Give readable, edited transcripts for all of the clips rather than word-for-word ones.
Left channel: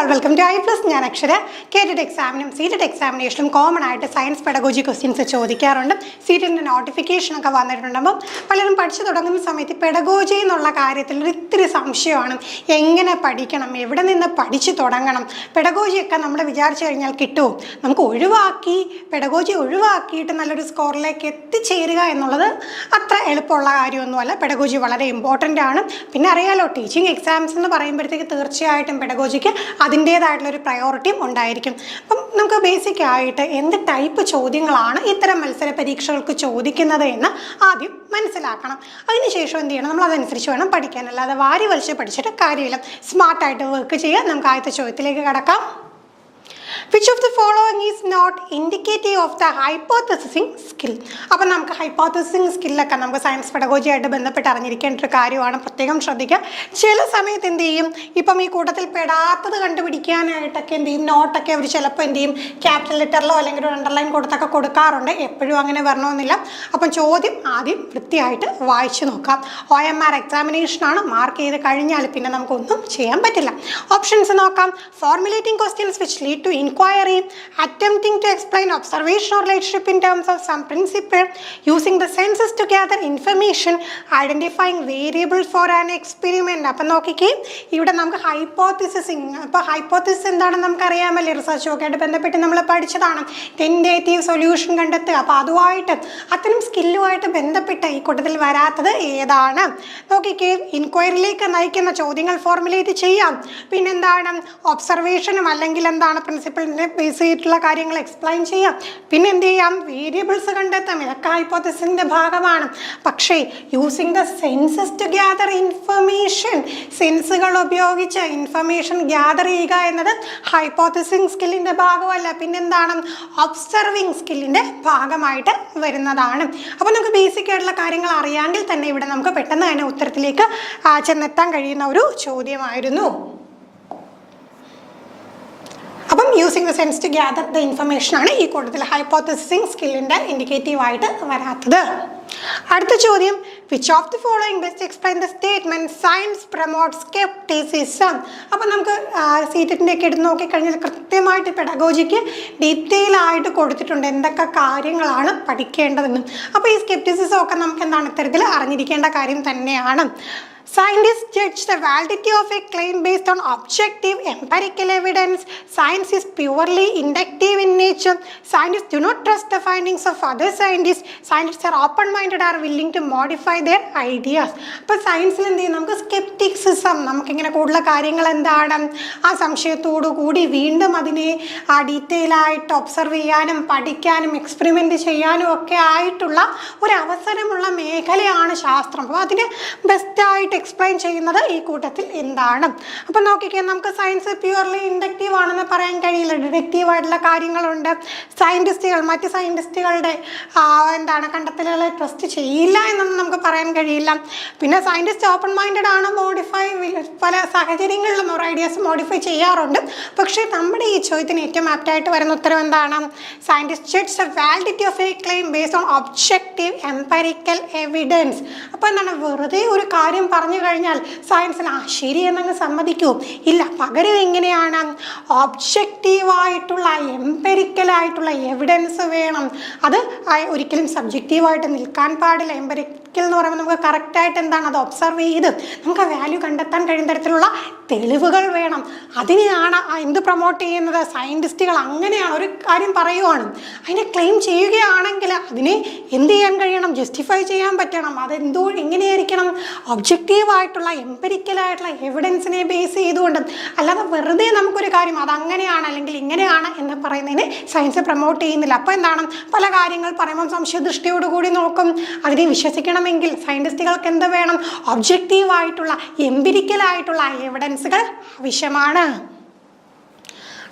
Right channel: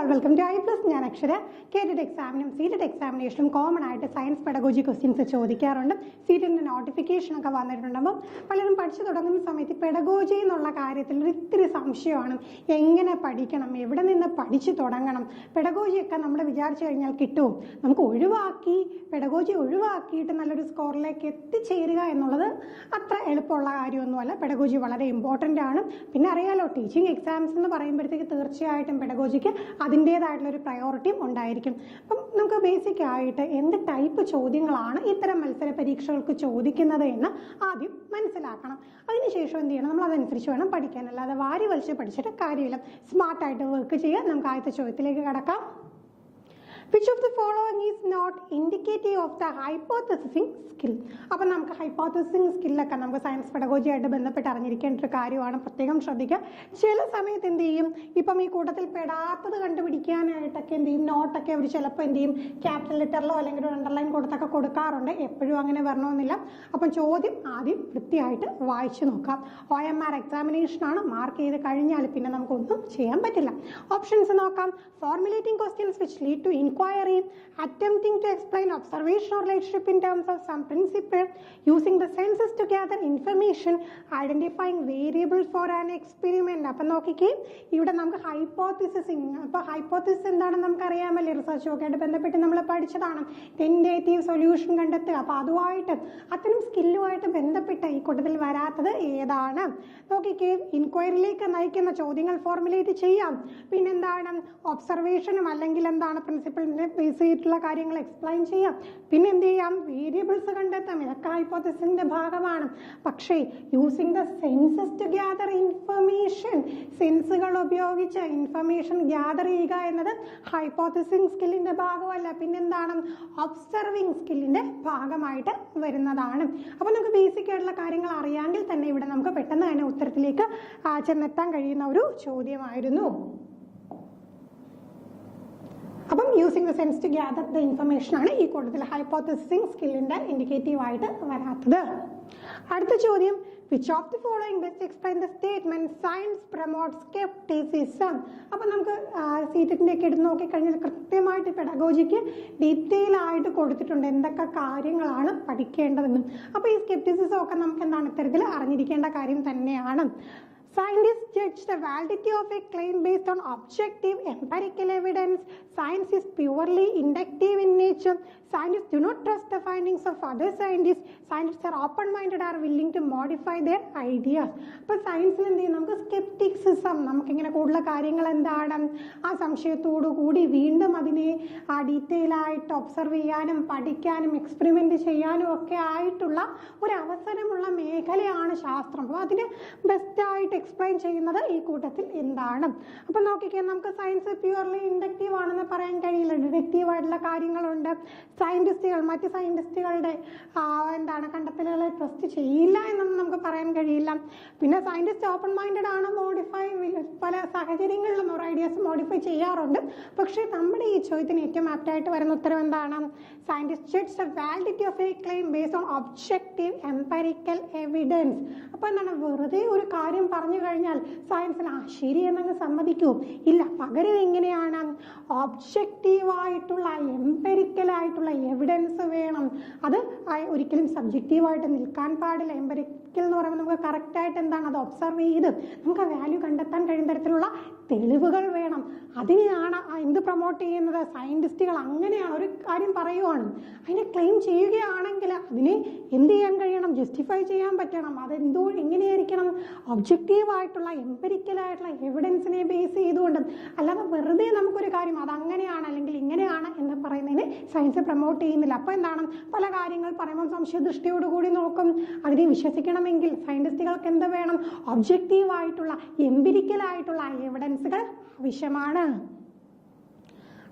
all, welcome to I+. ഞാൻ അക്ഷര. കേറ്റഡ് എക്സാമിനും seated എക്സാമിനേഷനും common ആയിട്ട് സയൻസ് പെഡഗോജി ക്വസ്റ്റ്യൻസ് ചോദിക്കാറുണ്ട്. സീറ്റിൻ്റെ നോട്ടിഫിക്കേഷനൊക്കെ വന്നിട്ടുണ്ടാകുമ്പോൾ പലരും പഠിച്ചു തുടങ്ങുന്ന സമയത്ത് പെഡഗോജി എന്നുള്ള കാര്യത്തിൽ ഒരിത്തിരി സംശയമാണ്. എങ്ങനെ പഠിക്കണം, എവിടെ നിന്ന് പഠിച്ചു തുടങ്ങണം, പെഡഗോജിയൊക്കെ നമ്മൾ വിചാരിച്ചു കഴിഞ്ഞാൽ കിട്ടുമോ, നമുക്ക് പെഡഗോജി ഒഴിവാക്കിയിട്ട് നല്ലൊരു സ്കോറിലേക്ക് എത്തിച്ചേരുക എന്നുള്ളത് അത്ര എളുപ്പമുള്ള കാര്യമൊന്നുമല്ല. പെഡഗോജി വളരെ ഇമ്പോർട്ടൻ്റ് ആണ്. പിന്നെ അറിയാലോ, ടീച്ചിങ് എക്സാംസ് എന്ന് പറയുമ്പോഴത്തേക്ക് തീർച്ചയായിട്ടും പെഡഗോജിക്ക് അതിൻ്റേതായിട്ടുള്ളൊരു പ്രയോറിറ്റിയും ഉണ്ടായിരിക്കും. അപ്പം നമുക്ക് ബേസിക് ആയിട്ട് എന്ത് ടൈപ്പ് ചോദ്യങ്ങളാണ് ഇത്തരം മത്സര പരീക്ഷകൾക്ക് ചോദിക്കുന്നത് എന്ന് ആദ്യം മനസ്സിലാക്കണം. അതിനുശേഷം എന്ത് ചെയ്യണം, നമ്മൾ അതനുസരിച്ച് വേണം പഠിക്കാൻ. അല്ലാതെ വാരി വലിച്ച് പഠിച്ചിട്ട് കാര്യമില്ല. സ്മാർട്ടായിട്ട് വർക്ക് ചെയ്യുക. നമുക്ക് ആദ്യത്തെ ചോദ്യത്തിലേക്ക് കടക്കാം. Which of the following is not indicative of the hypothesizing skill? അപ്പം നമുക്ക് ഹൈപ്പോത്തസിസിങ് സ്കില്ലൊക്കെ നമുക്ക് സയൻസ് പെഡഗോജിയായിട്ട് ബന്ധപ്പെട്ട് അറിഞ്ഞിരിക്കേണ്ട ഒരു കാര്യമാണ്. പ്രത്യേകം ശ്രദ്ധിക്കുക. ചില സമയത്ത് എന്ത് ചെയ്യും, ഇപ്പം ഈ കൂട്ടത്തിൽ പെടാത്തത് കണ്ടുപിടിക്കാനായിട്ടൊക്കെ എന്ത് ചെയ്യും, നോട്ടൊക്കെ അവർ ചിലപ്പോൾ എന്ത് ചെയ്യും, ക്യാപിറ്റൽ ലെറ്ററിലോ അല്ലെങ്കിൽ ഒരു അണ്ടർലൈൻ കൊടുത്തൊക്കെ കൊടുക്കാറുണ്ട്. എപ്പോഴും അങ്ങനെ വരണമെന്നില്ല. അപ്പം ചോദ്യം ആദ്യം വൃത്തിയായിട്ട് വായിച്ചു നോക്കാം. OMR എക്സാമിനേഷനാണ്. മാർക്ക് ചെയ്ത് കഴിഞ്ഞാൽ പിന്നെ നമുക്കൊന്നും ചെയ്യാൻ പറ്റില്ല. ഓപ്ഷൻസ് നോക്കാം. Formulating questions which lead to inquiry, attempting to explain observation or relationship in terms of some principle, using the senses to gather information, identifying variables for an experiment. അപ്പം നോക്കിക്കേ, ഇവിടെ നമുക്ക് ഹൈപ്പോത്തിസിസിങ്. അപ്പോൾ ഹൈപ്പോത്തിസിസ് എന്താണെന്ന് നമുക്കറിയാമല്ലേ, റിസർച്ചൊക്കെ ആയിട്ട് ബന്ധപ്പെട്ട് നമ്മൾ പഠിച്ചതാണ്. ടെൻറ്റേറ്റീവ് സൊല്യൂഷൻ കണ്ടെത്തുക. അപ്പോൾ അതുമായിട്ട് അത്തരം സ്കില്ലുമായിട്ട് ബന്ധപ്പെട്ട് ഈ കൂട്ടത്തിൽ വരാത്തത് ഏതാണ് നോക്കിക്കേ. ഇൻക്വയറിയിലേക്ക് നയിക്കുന്ന ചോദ്യങ്ങൾ ഫോർമുലേറ്റ് ചെയ്യാം. പിന്നെന്താണ്, ഒബ്സർവേഷനും അല്ലെങ്കിൽ എന്താണ് പ്രിൻസിപ്പിളിനെ ബേസ് ചെയ്തിട്ടുള്ള കാര്യങ്ങൾ എക്സ്പ്ലെയിൻ ചെയ്യാം. പിന്നെ എന്ത് ചെയ്യാം, വേരിയബിൾസ് കണ്ടെത്താം. ഇതൊക്കെ ഹൈപ്പോത്തസിസിൻ്റെ ഭാഗമാണ്. പക്ഷേ using the senses to gather information, സെൻസുകൾ ഉപയോഗിച്ച് ഇൻഫർമേഷൻ ഗ്യാദർ ചെയ്യുക എന്നത് ഹൈപ്പോത്തസിസിങ് സ്കില്ലിൻ്റെ ഭാഗമല്ല. പിന്നെന്താണ്, ഒബ്സർവിങ് സ്കില്ലിൻ്റെ ഭാഗമായിട്ട് വരുന്നതാണ്. അപ്പോൾ നമുക്ക് ബേസിക് ആയിട്ടുള്ള കാര്യങ്ങൾ അറിയാമെങ്കിൽ തന്നെ ഇവിടെ നമുക്ക് പെട്ടെന്ന് തന്നെ ഉത്തരത്തിലേക്ക് ചെന്നെത്താൻ കഴിയുന്ന ഒരു ചോദ്യമായിരുന്നു. അപ്പം using the sense to gather the information ആണ് ഈ കൂട്ടത്തിൽ ഹൈപ്പോത്തസിസിങ് സ്കില്ലിൻ്റെ ഇൻഡിക്കേറ്റീവായിട്ട് വരാത്തത്. അടുത്ത ചോദ്യം, which of the following best explain the statement science promotes scepticism. അപ്പം നമുക്ക് സീറ്റിൻ്റെ ഒക്കെ എടുത്ത് നോക്കിക്കഴിഞ്ഞാൽ കൃത്യമായിട്ട് പെഡഗോജിക്ക് ഡീറ്റെയിൽ ആയിട്ട് കൊടുത്തിട്ടുണ്ട് എന്തൊക്കെ കാര്യങ്ങളാണ് പഠിക്കേണ്ടതെന്നും. അപ്പോൾ ഈ സ്കെപ്റ്റിസിസം ഒക്കെ നമുക്ക് എന്താണ് ഇത്തരത്തിൽ അറിഞ്ഞിരിക്കേണ്ട കാര്യം തന്നെയാണ്. Scientists judge the validity of a claim based on objective empirical evidence. Science is purely inductive in nature. Scientists do not trust the findings of other scientists. Scientists are open-minded, are willing to modify their ideas. അപ്പോൾ സയൻസിൽ എന്ത് ചെയ്യും, നമുക്ക് സ്കെപ്റ്റിക്സിസം, നമുക്കിങ്ങനെ കൂടുതൽ കാര്യങ്ങൾ എന്താണ് ആ സംശയത്തോടു കൂടി വീണ്ടും അതിനെ ഡീറ്റെയിൽ ആയിട്ട് ഒബ്സർവ് ചെയ്യാനും പഠിക്കാനും എക്സ്പെരിമെൻ്റ് ചെയ്യാനും ഒക്കെ ആയിട്ടുള്ള ഒരു അവസരമുള്ള മേഖലയാണ് ശാസ്ത്രം. അപ്പോൾ അതിന് ബെസ്റ്റായിട്ട് എക്സ്പ്ലെയിൻ ചെയ്യുന്നത് ഈ കൂട്ടത്തിൽ എന്താണ്. അപ്പം നോക്കിക്കാൻ, നമുക്ക് സയൻസ് പ്യുവർലി ഇൻഡക്റ്റീവ് ആണെന്ന് പറയാൻ കഴിയില്ല. ഡിഡക്റ്റീവ് ആയിട്ടുള്ള കാര്യങ്ങളുണ്ട്. മറ്റ് സയൻറ്റിസ്റ്റുകളുടെ എന്താണ് കണ്ടെത്തലുകളെ ട്രസ്റ്റ് ചെയ്യില്ല എന്നൊന്നും നമുക്ക് പറയാൻ കഴിയില്ല. പിന്നെ സയൻറ്റിസ്റ്റ് ഓപ്പൺ മൈൻഡഡ് ആണ്, പല സാഹചര്യങ്ങളിലും ഓരോ ഐഡിയാസ് മോഡിഫൈ ചെയ്യാറുണ്ട്. പക്ഷേ നമ്മുടെ ഈ ചോദ്യത്തിന് ഏറ്റവും ആപ്റ്റായിട്ട് വരുന്ന ഉത്തരം എന്താണ്, scientist judge the validity of A claim based on objective empirical evidence. അപ്പോൾ എന്താണ്, വെറുതെ ഒരു കാര്യം പറഞ്ഞു കഴിഞ്ഞാൽ സയൻസിന് ശരി എന്നങ്ങ് സമ്മതിക്കൂ ഇല്ല. പകരം എങ്ങനെയാണ്, ഒബ്ജക്റ്റീവായിട്ടുള്ള എംപെരിക്കലായിട്ടുള്ള എവിഡൻസ് വേണം. അത് ഒരിക്കലും സബ്ജക്റ്റീവായിട്ട് നിൽക്കാൻ പാടില്ല. എംപെരിക്കൽ എന്ന് പറയുമ്പോൾ നമുക്ക് കറക്റ്റായിട്ട് എന്താണ് അത് ഒബ്സർവ് ചെയ്ത് നമുക്ക് വാല്യൂ കണ്ടെത്താൻ കഴിയുന്ന തരത്തിലുള്ള തെളിവുകൾ വേണം. അതിനെയാണ് എന്ത് പ്രൊമോട്ട് ചെയ്യുന്നത്, സയൻറ്റിസ്റ്റുകൾ അങ്ങനെയാണ്. ഒരു കാര്യം പറയുവാണ്, അതിനെ ക്ലെയിം ചെയ്യുകയാണെങ്കിൽ അതിനെ എന്ത് ചെയ്യാൻ കഴിയണം, ജസ്റ്റിഫൈ ചെയ്യാൻ പറ്റണം. എങ്ങനെയായിരിക്കണം, ഒബ്ജക്റ്റീവായിട്ടുള്ള എംപെരിക്കലായിട്ടുള്ള എവിഡൻസിനെ ബേസ് ചെയ്തുകൊണ്ട്. അല്ലാതെ വെറുതെ നമുക്കൊരു കാര്യം അതങ്ങനെയാണ് അല്ലെങ്കിൽ ഇങ്ങനെയാണ് എന്ന് പറയുന്നതിനെ സയൻസ് പ്രൊമോട്ട് ചെയ്യുന്നില്ല. അപ്പോൾ എന്താണ്, പല കാര്യങ്ങൾ പറയുമ്പം സംശയദൃഷ്ടിയോടുകൂടി നോക്കും. അതിനെ വിശ്വസിക്കണമെങ്കിൽ സയൻറ്റിസ്റ്റുകൾക്ക് എന്ത് വേണം, ഒബ്ജക്റ്റീവായിട്ടുള്ള എംപിരിക്കലായിട്ടുള്ള എവിഡൻസുകൾ ആവശ്യമാണ്.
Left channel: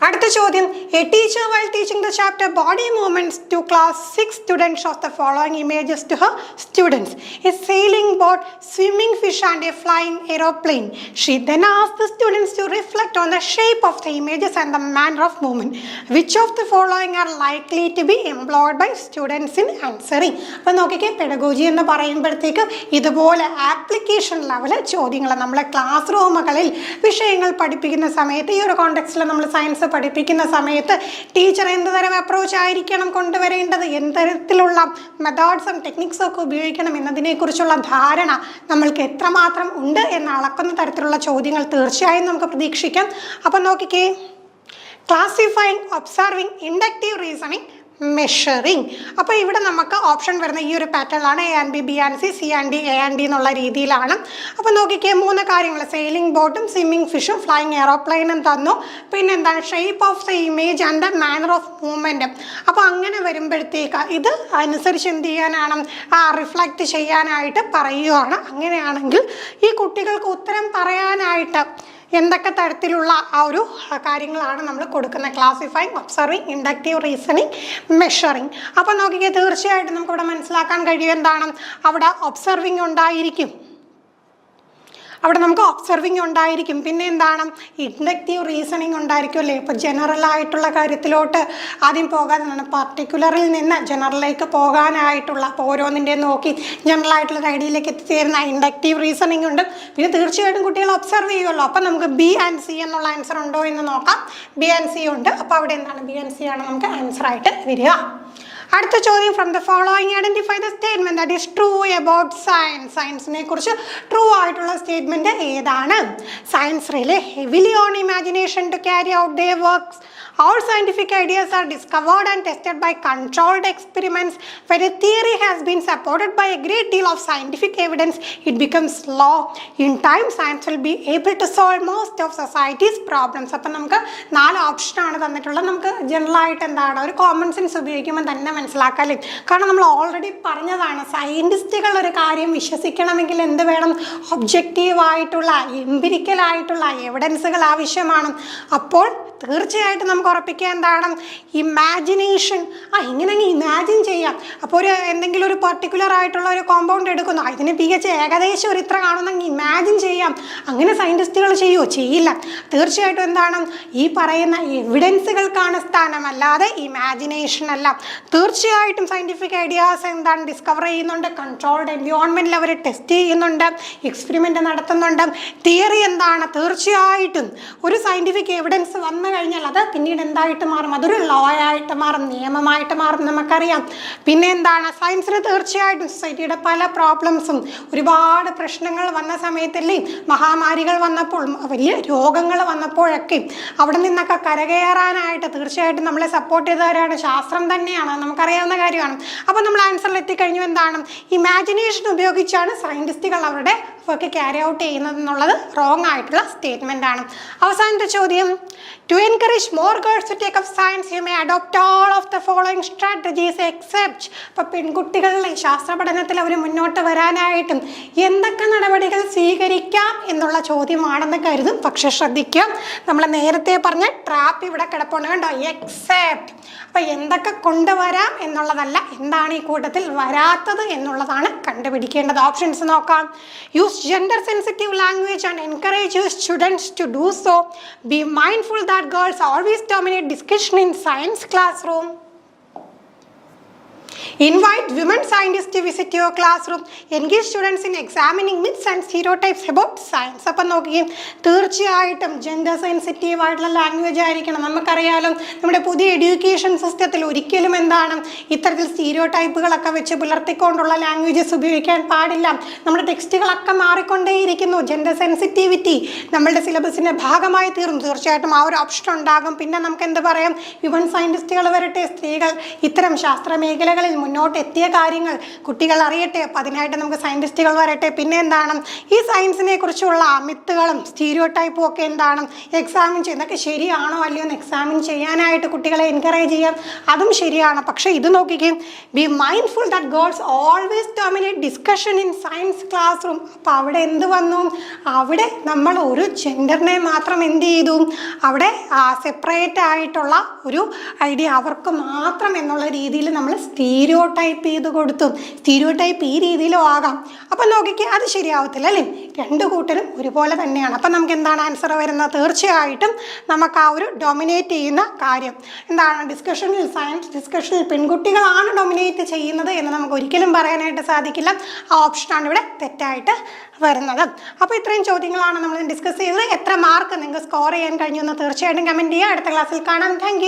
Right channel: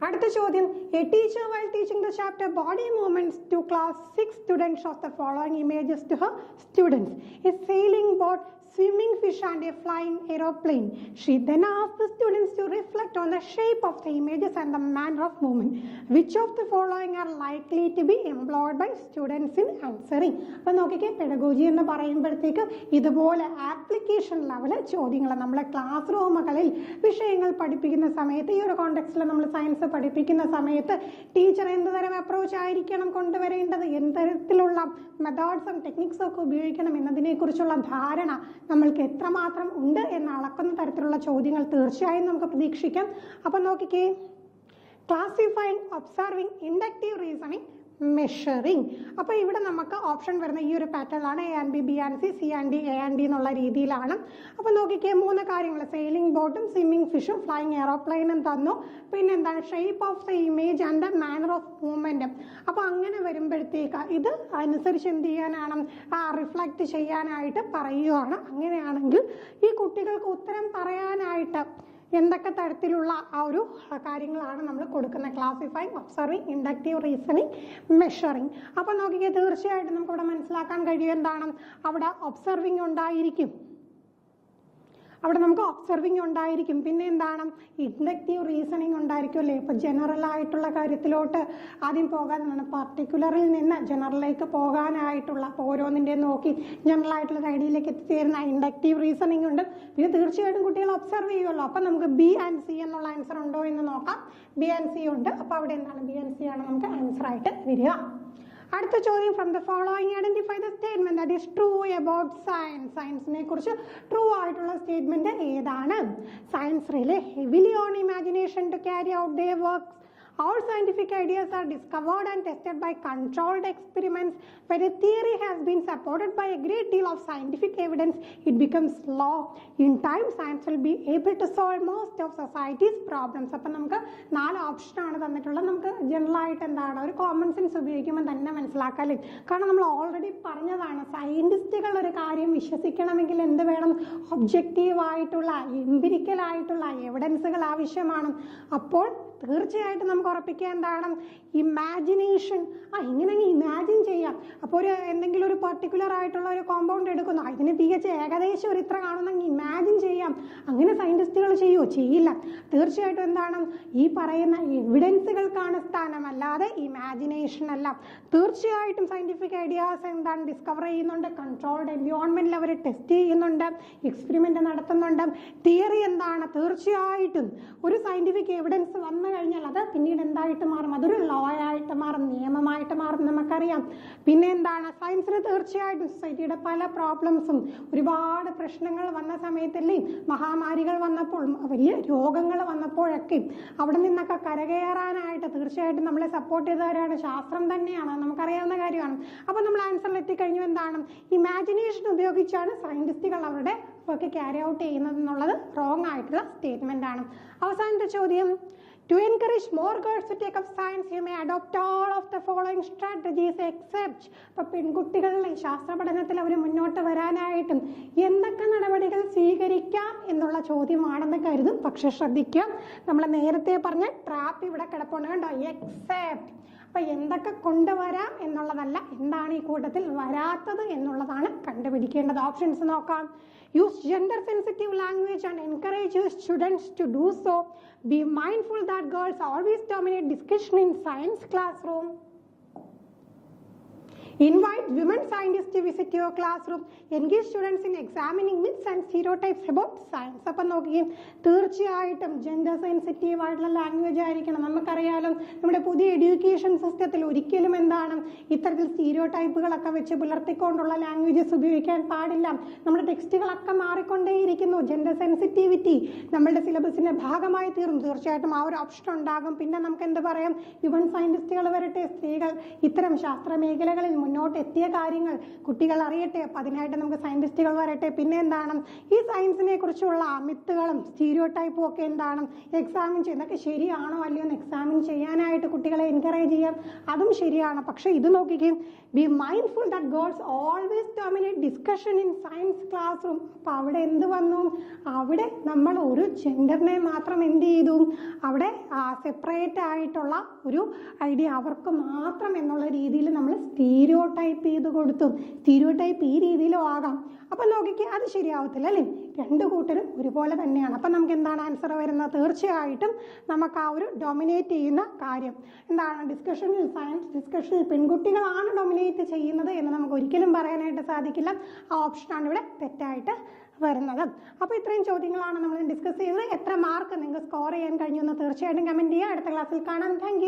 അടുത്ത ചോദ്യം, A teacher while teaching the chapter body movements to class 6 students shows the following images to her students: a sailing boat, swimming fish and a flying aeroplane. She then asked the students to reflect on the shape of the images and the manner of movement. Which of the following are likely to be employed by students in answering? അപ്പോൾ നോക്കിക്കേ, pedagogy എന്ന് പറയുമ്പോഴത്തേക്ക് ഇതുപോലെ application level ചോദ്യങ്ങൾ നമ്മളെ class റൂമുകളിൽ വിഷയങ്ങൾ പഠിപ്പിക്കുന്ന സമയത്ത്, ഈ ഒരു കോണ്ടെക്സ്റ്റിൽ നമ്മൾ സയൻസ് പഠിപ്പിക്കുന്ന സമയത്ത് ടീച്ചർ എന്ത് തരം അപ്രോച്ച് ആയിരിക്കണം കൊണ്ടുവരേണ്ടത്, എന്ത് തരത്തിലുള്ള മെത്തേഡ്സും ടെക്നിക്സും ഒക്കെ ഉപയോഗിക്കണം എന്നതിനെക്കുറിച്ചുള്ള ധാരണ നമ്മൾക്ക് എത്രമാത്രം ഉണ്ട് എന്ന് അളക്കുന്ന തരത്തിലുള്ള ചോദ്യങ്ങൾ തീർച്ചയായും നമുക്ക് പ്രതീക്ഷിക്കാം. അപ്പം നോക്കിക്കേ, classifying, observing, inductive reasoning, measuring. അപ്പോൾ ഇവിടെ നമുക്ക് ഓപ്ഷൻ വരുന്ന ഈ ഒരു പാറ്റേണിലാണ്. A and B, B and C, C and D, A and D എന്നുള്ള രീതിയിലാണ്. അപ്പോൾ നോക്കിക്കേ, 3 കാര്യങ്ങൾ, സെയിലിംഗ് ബോട്ടും സ്വിമ്മിങ് ഫിഷും ഫ്ലൈയിങ് എയറോപ്ലെയിനും തന്നു. പിന്നെ എന്താണ്, shape of the image and the manner of മൂവ്മെൻറ്റും. അപ്പോൾ അങ്ങനെ വരുമ്പോഴത്തേക്ക് ഇത് അനുസരിച്ച് എന്ത് ചെയ്യാനാണ്, റിഫ്ലക്റ്റ് ചെയ്യാനായിട്ട് പറയുകയാണ്. അങ്ങനെയാണെങ്കിൽ ഈ കുട്ടികൾക്ക് ഉത്തരം പറയാനായിട്ട് എന്തൊക്കെ തരത്തിലുള്ള ആ ഒരു കാര്യങ്ങളാണ് നമ്മൾ കൊടുക്കുന്നത്? Classifying, observing, inductive reasoning, measuring. അപ്പോൾ നോക്കിക്കേ, തീർച്ചയായിട്ടും നമുക്കിവിടെ മനസ്സിലാക്കാൻ കഴിയും എന്താണ്, അവിടെ ഒബ്സർവിങ് ഉണ്ടായിരിക്കും, അവിടെ നമുക്ക് ഒബ്സർവിങ് ഉണ്ടായിരിക്കും. പിന്നെ എന്താണ്, ഇൻഡക്റ്റീവ് റീസണിങ് ഉണ്ടായിരിക്കും അല്ലേ. ഇപ്പോൾ ജനറൽ ആയിട്ടുള്ള കാര്യത്തിലോട്ട് ആദ്യം പോകാനാണ്, പർട്ടിക്കുലറിൽ നിന്ന് ജനറലിലേക്ക് പോകാനായിട്ടുള്ള, അപ്പോൾ ഓരോന്നിൻ്റെ നോക്കി ജനറൽ ആയിട്ടുള്ള ഐഡിയയിലേക്ക് എത്തിച്ചേരുന്ന ഇൻഡക്റ്റീവ് റീസണിങ് ഉണ്ട്. പിന്നെ തീർച്ചയായിട്ടും കുട്ടികൾ ഒബ്സർവ് ചെയ്യുമല്ലോ. അപ്പോൾ നമുക്ക് ബി ആൻഡ് സി എന്നുള്ള ആൻസർ ഉണ്ടോ എന്ന് നോക്കാം. ബി ആൻഡ് സി ഉണ്ട്. അപ്പോൾ അവിടെ എന്താണ്, ബി ആൻഡ് സി ആണ് നമുക്ക് ആൻസറായിട്ട് വരിക. അടുത്ത ചോദ്യം, from the following identify the statement that is true about science. സയൻസിനെ കുറിച്ച് ട്രൂ ആയിട്ടുള്ള സ്റ്റേറ്റ്മെന്റ് ഏതാണ്? Science rely heavily on imagination to carry out their works. All scientific ideas are discovered and tested by controlled experiments. When a theory has been supported by a great deal of scientific evidence, it becomes law. In time, science will be able to solve most of society's problems. അപ്പോൾ നമുക്ക് 4 ഓപ്ഷനാണ് തന്നിട്ടുള്ളത്. നമുക്ക് ജനറലായിട്ട് എന്താണ്, ഒരു common sense ഉപയോഗിക്കുമ്പോൾ തന്നെ മനസ്സിലാക്കാല്ലേ. കാരണം നമ്മൾ ഓൾറെഡി പറഞ്ഞതാണ്, സയൻറ്റിസ്റ്റുകൾ ഒരു കാര്യം വിശ്വസിക്കണമെങ്കിൽ എന്ത് വേണം, ഒബ്ജക്റ്റീവായിട്ടുള്ള എംപിരിക്കലായിട്ടുള്ള എവിഡൻസുകൾ ആവശ്യമാണ്. അപ്പോൾ തീർച്ചയായിട്ടും നമുക്ക് ഉറപ്പിക്കുക എന്താണ്, ഇമാജിനേഷൻ. ഇങ്ങനെ ഇമാജിൻ ചെയ്യാം. അപ്പോൾ ഒരു എന്തെങ്കിലും ഒരു പർട്ടിക്കുലർ ആയിട്ടുള്ള ഒരു കോമ്പൗണ്ട് എടുക്കുന്നു, ഇതിന് pH ഏകദേശം ഒരു ഇത്ര കാണുന്നെങ്കിൽ ഇമാജിൻ ചെയ്യാം. അങ്ങനെ സയൻറ്റിസ്റ്റുകൾ ചെയ്യുമോ? ചെയ്യില്ല. തീർച്ചയായിട്ടും എന്താണ്, ഈ പറയുന്ന എവിഡൻസുകൾക്കാണ് സ്ഥാനം, അല്ലാതെ ഇമാജിനേഷൻ അല്ല. തീർച്ചയായിട്ടും സയൻറ്റിഫിക് ഐഡിയാസ് എന്താണ്, ഡിസ്കവർ ചെയ്യുന്നുണ്ട്, കൺട്രോൾഡ് എൻവയോൺമെൻറ്റിൽ അവർ ടെസ്റ്റ് ചെയ്യുന്നുണ്ട്, എക്സ്പെരിമെൻ്റ് നടത്തുന്നുണ്ട്. തിയറി എന്താണ്, തീർച്ചയായിട്ടും ഒരു സയൻറ്റിഫിക് എവിഡൻസ് വന്നു കഴിഞ്ഞാൽ അത് പിന്നീട് എന്തായിട്ട് മാറും, അതൊരു ലോ ആയിട്ട് മാറും, നിയമമായിട്ട് മാറും, നമുക്കറിയാം. പിന്നെ എന്താണ്, സയൻസിന് തീർച്ചയായിട്ടും സൊസൈറ്റിയുടെ പല പ്രോബ്ലംസും, ഒരുപാട് പ്രശ്നങ്ങൾ വന്ന സമയത്തല്ലേ, മഹാമാരികൾ വന്നപ്പോൾ, വലിയ രോഗങ്ങൾ വന്നപ്പോഴൊക്കെ അവിടെ നിന്നൊക്കെ കരകയറാനായിട്ട് തീർച്ചയായിട്ടും നമ്മളെ സപ്പോർട്ട് ചെയ്തവരാണ് ശാസ്ത്രം തന്നെയാണ്, നമുക്കറിയാവുന്ന കാര്യമാണ്. അപ്പോൾ നമ്മൾ ആൻസറിൽ എത്തിക്കഴിഞ്ഞു. എന്താണ്, ഇമാജിനേഷൻ ഉപയോഗിച്ചാണ് സയൻറ്റിസ്റ്റുകൾ അവരുടെ വർക്ക് ക്യാരി ഔട്ട് ചെയ്യുന്നതെന്നുള്ളത് റോങ് ആയിട്ടുള്ള സ്റ്റേറ്റ്മെൻ്റ് ആണ്. അവസാനത്തെ ചോദ്യം, to encourage more girls to take up science you may adopt all of the following strategies except. അപ്പോൾ പെൺകുട്ടികളുടെ ശാസ്ത്ര പഠനത്തിൽ അവർ മുന്നോട്ട് വരാനായിട്ടും എന്തൊക്കെ നടപടികൾ സ്വീകരിക്കാം എന്നുള്ള ചോദ്യമാണെന്ന് കരുതും. പക്ഷെ ശ്രദ്ധിക്കാം, നമ്മൾ നേരത്തെ പറഞ്ഞ ട്രാപ്പ് ഇവിടെ കിടപ്പുണ്ട് കണ്ടോ, എക്സെപ്റ്റ്. അപ്പോൾ എന്തൊക്കെ കൊണ്ടുവരാം എന്നുള്ളതല്ല, എന്താണ് ഈ കൂട്ടത്തിൽ വരാത്തത് എന്നുള്ളതാണ് കണ്ടുപിടിക്കേണ്ടത്. ഓപ്ഷൻസ് നോക്കാം. Use gender sensitive language and encourage your students to do so. Be mindful that girls always dominate discussion in science classroom. Invite women scientists to visit your classroom. Engage students in examining myths and stereotypes about science. അപ്പം നോക്കുകയും തീർച്ചയായിട്ടും gender sensitive ആയിട്ടുള്ള language ആയിരിക്കണം. നമുക്കറിയാലോ, നമ്മുടെ പുതിയ education സിസ്റ്റത്തിൽ ഒരിക്കലും എന്താണ്, ഇത്തരത്തിൽ സ്റ്റീരിയോടൈപ്പുകളൊക്കെ വെച്ച് പുലർത്തിക്കൊണ്ടുള്ള ലാംഗ്വേജസ് ഉപയോഗിക്കാൻ പാടില്ല. നമ്മുടെ ടെക്സ്റ്റുകളൊക്കെ മാറിക്കൊണ്ടേയിരിക്കുന്നു. ജെൻഡർ സെൻസിറ്റിവിറ്റി നമ്മളുടെ സിലബസിൻ്റെ ഭാഗമായി തീർന്നു. തീർച്ചയായിട്ടും ആ ഒരു ഓപ്ഷൻ ഉണ്ടാകും. പിന്നെ നമുക്ക് എന്ത് പറയാം, വിമൻ സയൻറ്റിസ്റ്റുകൾ വരട്ടെ, സ്ത്രീകൾ ഇത്തരം ശാസ്ത്ര മേഖലകളിൽ മുന്നോട്ട് എത്തിയ കാര്യങ്ങൾ കുട്ടികൾ അറിയട്ടെ. അപ്പം അതിനായിട്ട് നമുക്ക് സയൻറ്റിസ്റ്റുകൾ വരട്ടെ. പിന്നെ എന്താണ് ഈ സയൻസിനെ കുറിച്ചുള്ള മിത്തുകളും സ്റ്റീരിയോ ടൈപ്പും ഒക്കെ എന്താണ് എക്സാമിൻ ചെയ്യുന്നതൊക്കെ ശരിയാണോ അല്ലയോ എന്ന് എക്സാമിൻ ചെയ്യാനായിട്ട് കുട്ടികളെ എൻകറേജ് ചെയ്യാം. അതും ശരിയാണ്. പക്ഷേ ഇത് നോക്കിക്കേ, B mindful that girls always dominate discussion in science class room. അപ്പോൾ അവിടെ എന്ത് വന്നു? അവിടെ നമ്മൾ ഒരു ജെൻഡറിനെ മാത്രം എന്ത് ചെയ്തു? അവിടെ സെപ്പറേറ്റ് ആയിട്ടുള്ള ഒരു ഐഡിയ അവർക്ക് മാത്രം എന്നുള്ള രീതിയിൽ നമ്മൾ സ്റ്റീരിയോ ടൈപ്പ് ചെയ്ത് കൊടുത്തു. സ്റ്റീരിയോ ടൈപ്പ് ഈ രീതിയിലും ആകാം. അപ്പം നോക്കിക്കേ, അത് ശരിയാവത്തില്ല അല്ലേ? രണ്ട് കൂട്ടരും ഒരുപോലെ തന്നെയാണ്. അപ്പം നമുക്ക് എന്താണ് ആൻസർ വരുന്നത്? തീർച്ചയായിട്ടും നമുക്ക് ആ ഒരു ഡൊമിനേറ്റ് ചെയ്യുന്ന കാര്യം എന്താണ്, ഡിസ്കഷനിൽ സയൻസ് ഡിസ്കഷനിൽ പെൺകുട്ടികളാണ് ഡൊമിനേറ്റ് ചെയ്യുന്നത് എന്ന് നമുക്ക് ഒരിക്കലും പറയാനായിട്ട് സാധിക്കില്ല. ആ ഓപ്ഷനാണ് ഇവിടെ തെറ്റായിട്ട് വരുന്നത്. അപ്പോൾ ഇത്രയും ചോദ്യങ്ങളാണ് നമ്മൾ ഡിസ്കസ് ചെയ്തത്. എത്ര മാർക്ക് നിങ്ങൾക്ക് സ്കോർ ചെയ്യാൻ കഴിഞ്ഞു എന്ന് തീർച്ചയായിട്ടും കമൻറ്റ് ചെയ്യുക. അടുത്ത ക്ലാസ്സിൽ കാണാം. താങ്ക്